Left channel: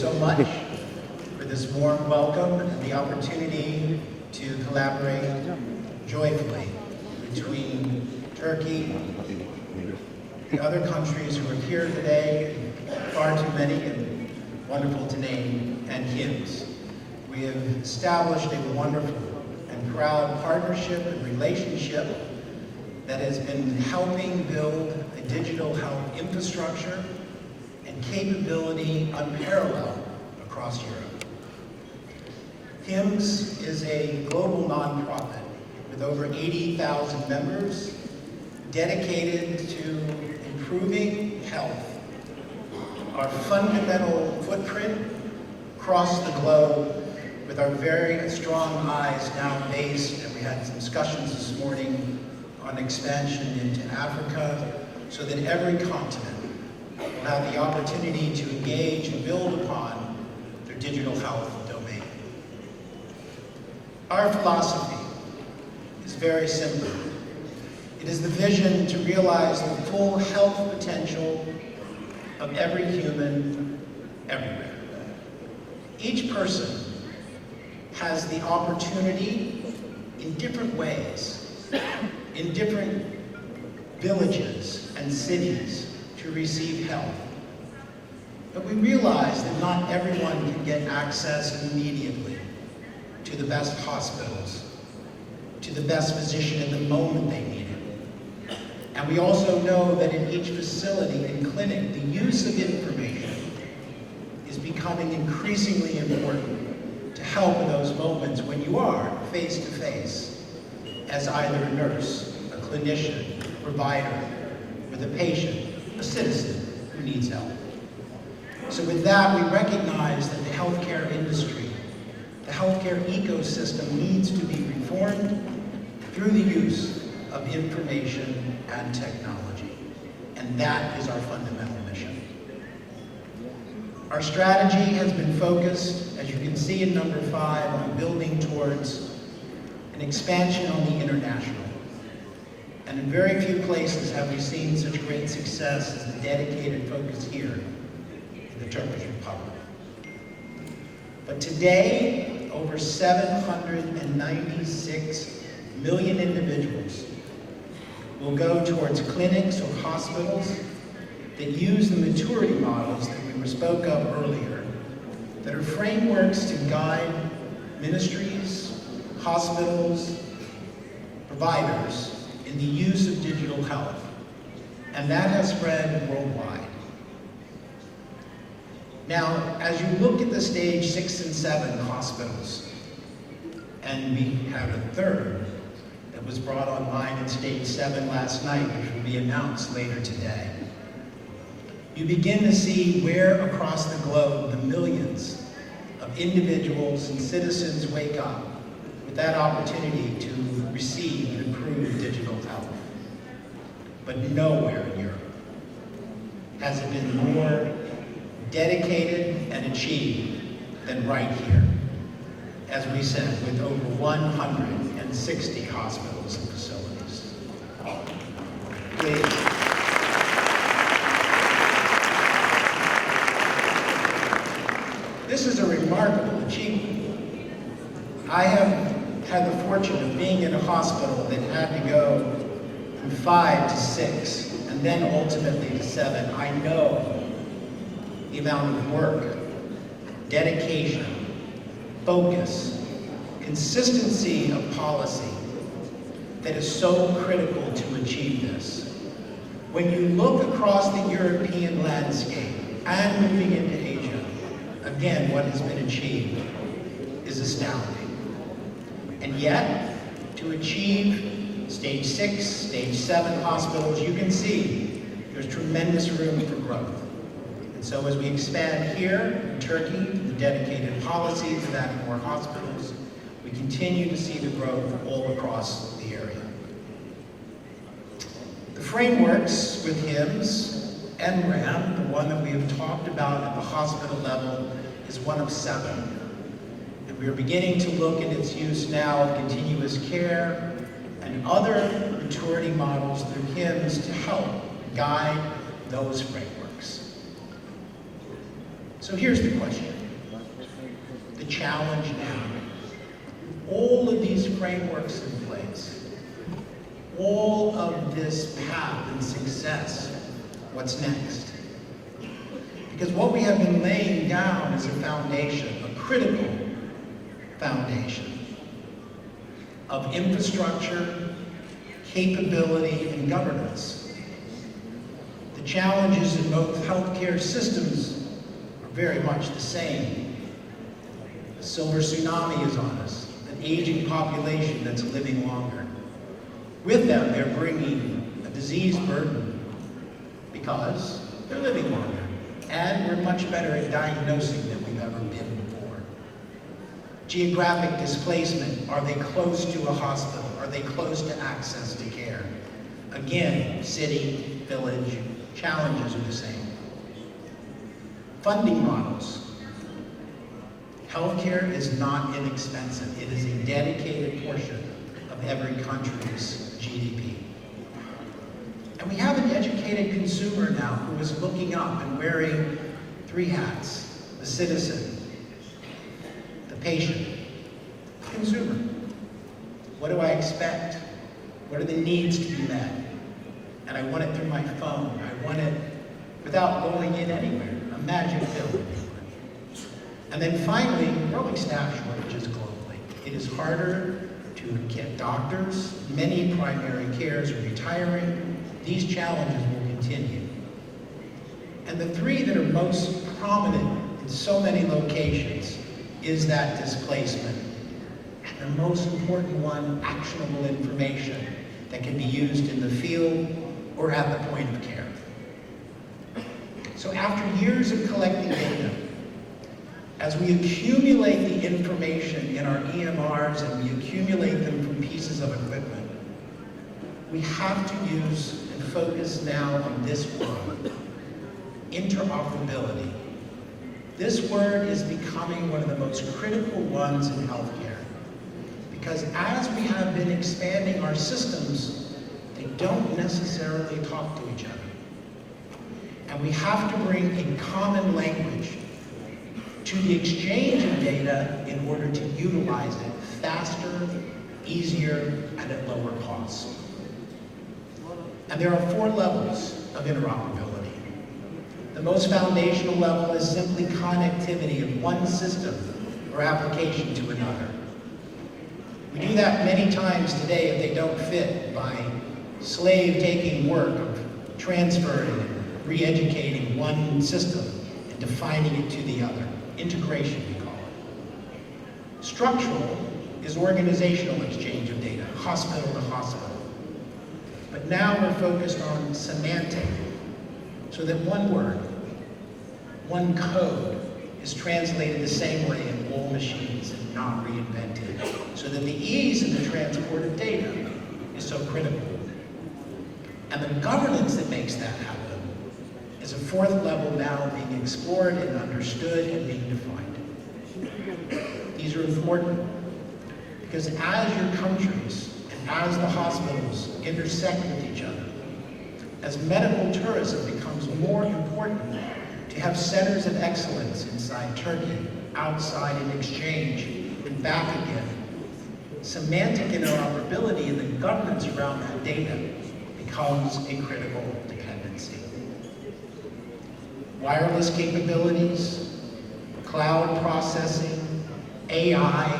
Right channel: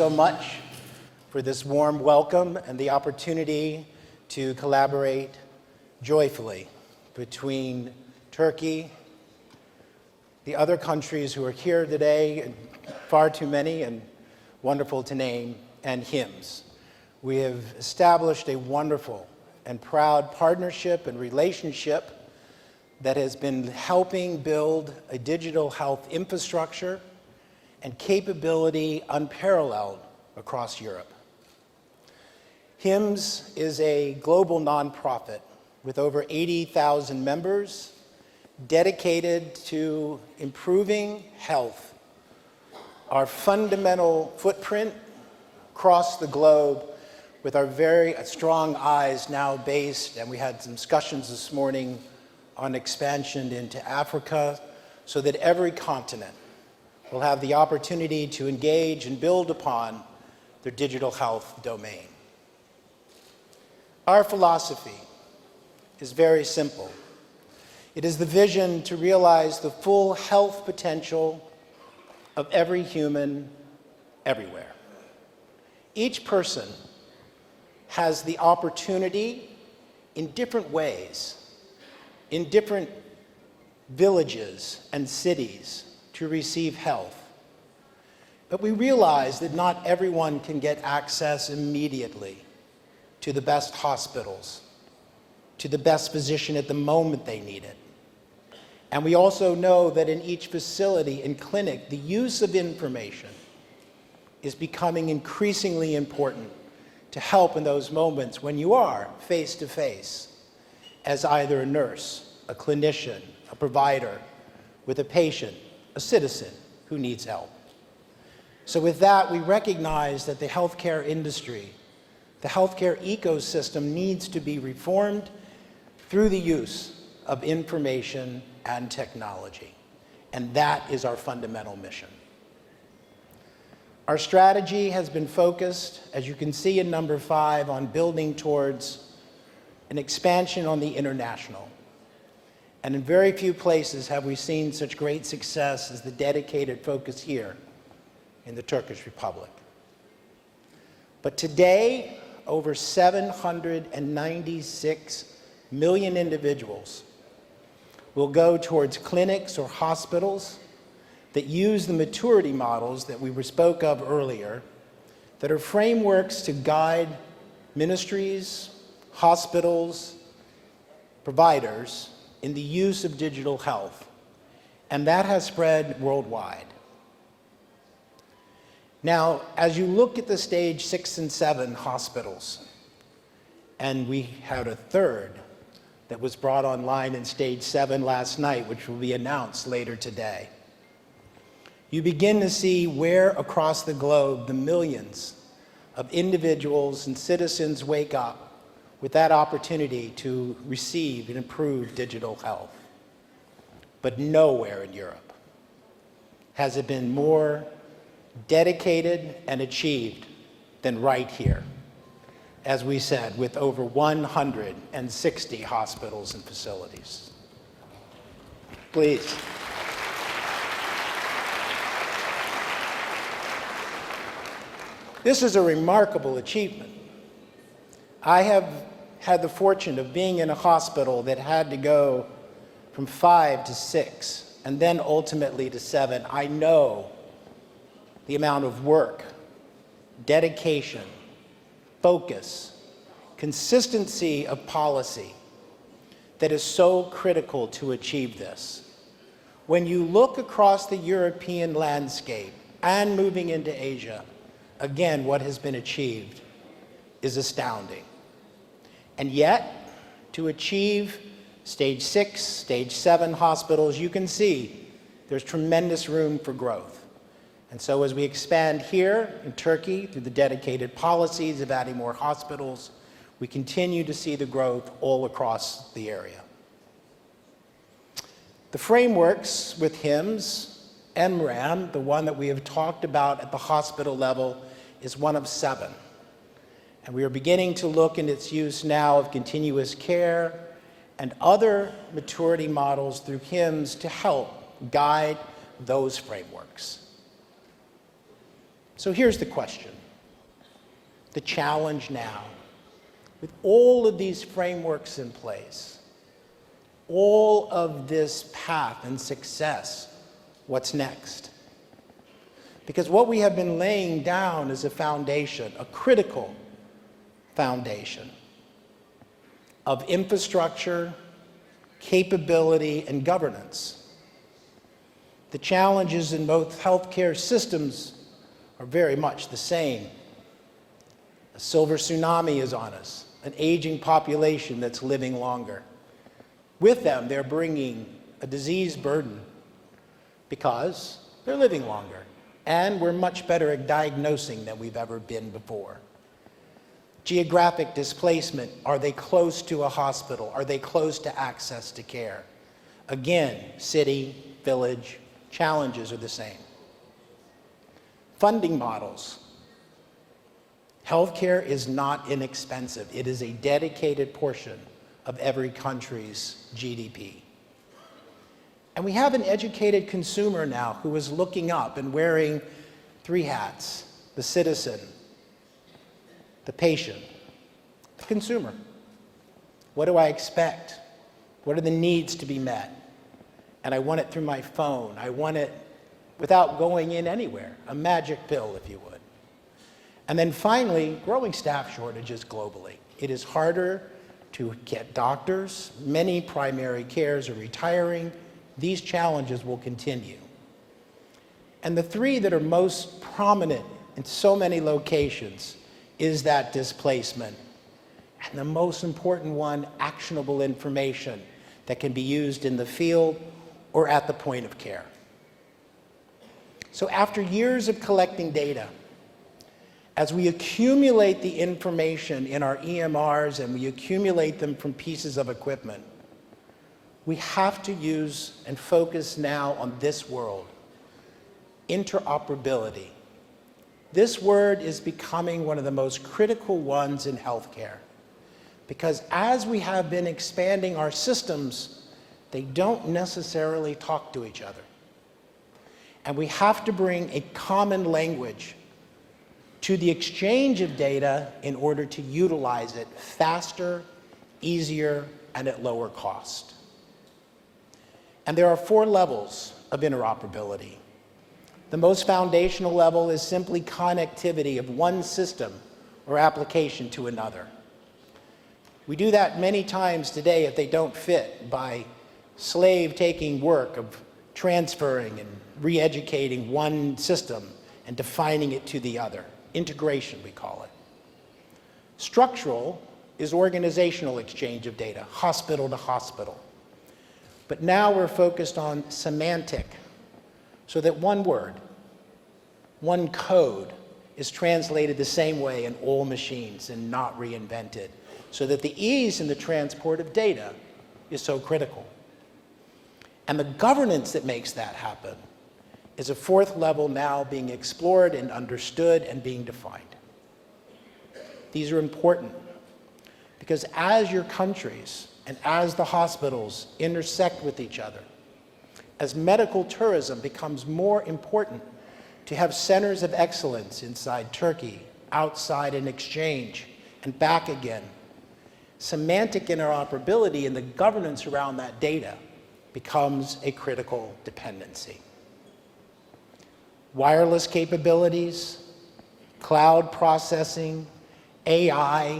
so much for this warm welcome and the opportunity to collaborate joyfully between Turkey, the other countries who are here today, far too many and wonderful to name, and HIMSS. We have established a wonderful and proud partnership and relationship that has been helping build a digital health infrastructure and capability unparalleled across Europe. HIMSS is a global nonprofit with over 80,000 members dedicated to improving health. Our fundamental footprint across the globe, with our very strong eyes now based, and we had some discussions this morning on expansion into Africa, so that every continent will have the opportunity to engage and build upon their digital health domain. Our philosophy is very simple. It is the vision to realize the full health potential of every human everywhere. Each person has the opportunity in different ways, in different villages and cities, to receive health. But we realize that not everyone can get access immediately to the best hospitals, to the best physician at the moment they need it. And we also know that in each facility and clinic, the use of information is becoming increasingly important to help in those moments when you are face to face as either a nurse, a clinician, a provider, with a patient, a citizen who needs help. So with that, we recognize that the healthcare industry, the healthcare ecosystem needs to be reformed through the use of information and technology. And that is our fundamental mission. Our strategy has been focused, as you can see in number 5, on building towards an expansion on the international. And in very few places have we seen such great success as the dedicated focus here in the Turkish Republic. But today, over 796 million individuals will go towards clinics or hospitals that use the maturity models that we spoke of earlier, that are frameworks to guide ministries, hospitals, providers in the use of digital health. And that has spread worldwide. Now, as you look at the stage 6 and 7 hospitals, and we had a third that was brought online in stage 7 last night, which will be announced later today, you begin to see where across the globe the millions of individuals and citizens wake up with that opportunity to receive and improve digital health. But nowhere in Europe has it been more dedicated and achieved than right here, as we said, with over 160 hospitals and facilities. Please. This is a remarkable achievement. I have had the fortune of being in a hospital that had to go from 5 to 6 and then ultimately to 7. I know the amount of work, dedication, focus, consistency of policy that is so critical to achieve this. When you look across the European landscape and moving into Asia, again, what has been achieved is astounding. And yet, to achieve stage 6, stage 7 hospitals, you can see there's tremendous room for growth. And so as we expand here in Turkey, the dedicated policies of adding more hospitals, we continue to see the growth all across the area. The frameworks with HIMSS, NRAM, the one that we have talked about at the hospital level, is one of 7. And we are beginning to look at its use now of continuous care and other maturity models through HIMSS to help guide those frameworks. So here's the question. the challenge now, with all of these frameworks in place, all of this path and success, what's next? Because what we have been laying down is a foundation, a critical foundation of infrastructure, capability, and governance. The challenges in both healthcare systems are very much the same. A silver tsunami is on us, an aging population that's living longer. With them, they're bringing a disease burden because they're living longer. And we're much better at diagnosing than we've ever been before. Geographic displacement, are they close to a hospital? Are they close to access to care? Again, city, village, challenges are the same. Funding models. Healthcare is not inexpensive. It is a dedicated portion of every country's GDP. And we have an educated consumer now who is looking up and wearing three hats: the citizen, the patient, the consumer. What do I expect? What are the needs to be met? And I want it through my phone. I want it without going in anywhere, a magic pill, if you would. And then finally, growing staff shortages globally. It is harder to get doctors. Many primary cares are retiring. These challenges will continue. And the three that are most prominent in so many locations is that displacement. And the most important one, actionable information that can be used in the field or at the point of care. So after years of collecting data, as we accumulate the information in our EMRs and we accumulate them from pieces of equipment, we have to use and focus now on this word, interoperability. This word is becoming one of the most critical ones in healthcare, because as we have been expanding our systems, they don't necessarily talk to each other. And we have to bring a common language to the exchange of data in order to utilize it faster, easier, and at lower cost. And there are 4 levels of interoperability. The most foundational level is simply connectivity of one system or application to another. We do that many times today if they don't fit, by slave-taking work of transferring and re-educating one system and defining it to the other. Integration, we call it. Structural is organizational exchange of data, hospital to hospital. But now we're focused on semantic, so that one word, one code is translated the same way in all machines and not reinvented, so that the ease in the transport of data is so critical. And the governance that makes that happen is a 4th level now being explored and understood and being defined. These are important because as your countries and as the hospitals intersect with each other, as medical tourism becomes more important, to have centers of excellence inside Turkey, outside in exchange, and back again, semantic interoperability and the governance around that data becomes a critical dependency. Wireless capabilities, cloud processing, AI,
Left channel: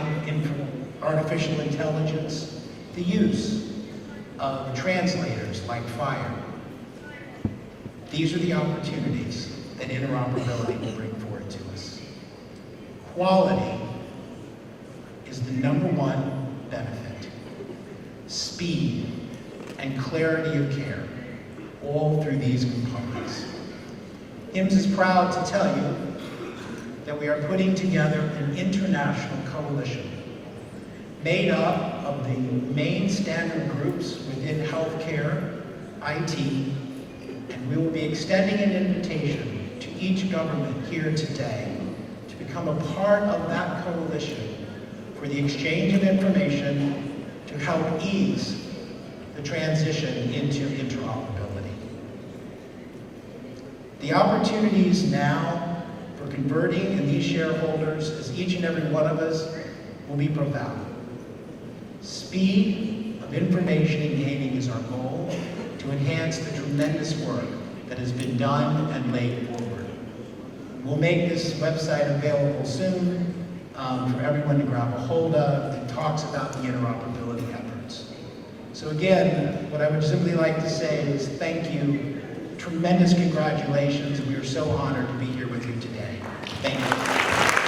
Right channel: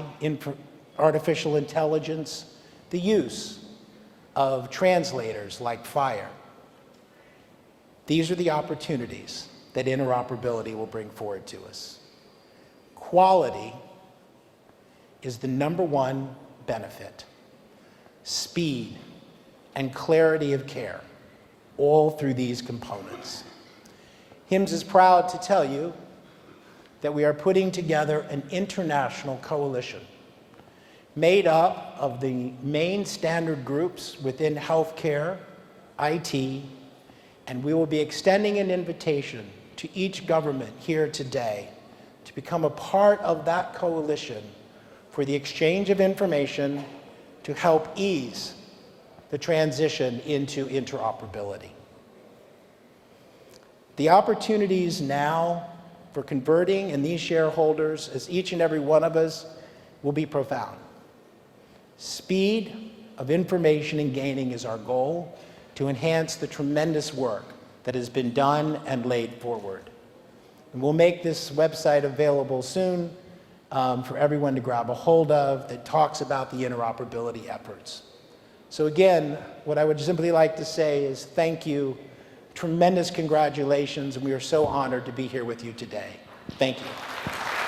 artificial intelligence, the use of translators like FHIR. These are the opportunities that interoperability will bring forward to us. Quality is the #1 benefit. Speed and clarity of care, all through these components. HIMSS is proud to tell you that we are putting together an international coalition made up of the main standard groups within healthcare, IT, and we will be extending an invitation to each government here today to become a part of that coalition for the exchange of information to help ease the transition into interoperability. The opportunities now for converting in these shareholders, as each and every one of us, will be profound. Speed of information and gaining is our goal to enhance the tremendous work that has been done and laid forward. And we'll make this website available soon for everyone to grab a hold of that talks about the interoperability efforts. So again, what I would simply like to say is thank you, tremendous congratulations, and we are so honored to be here with you today. Thank you.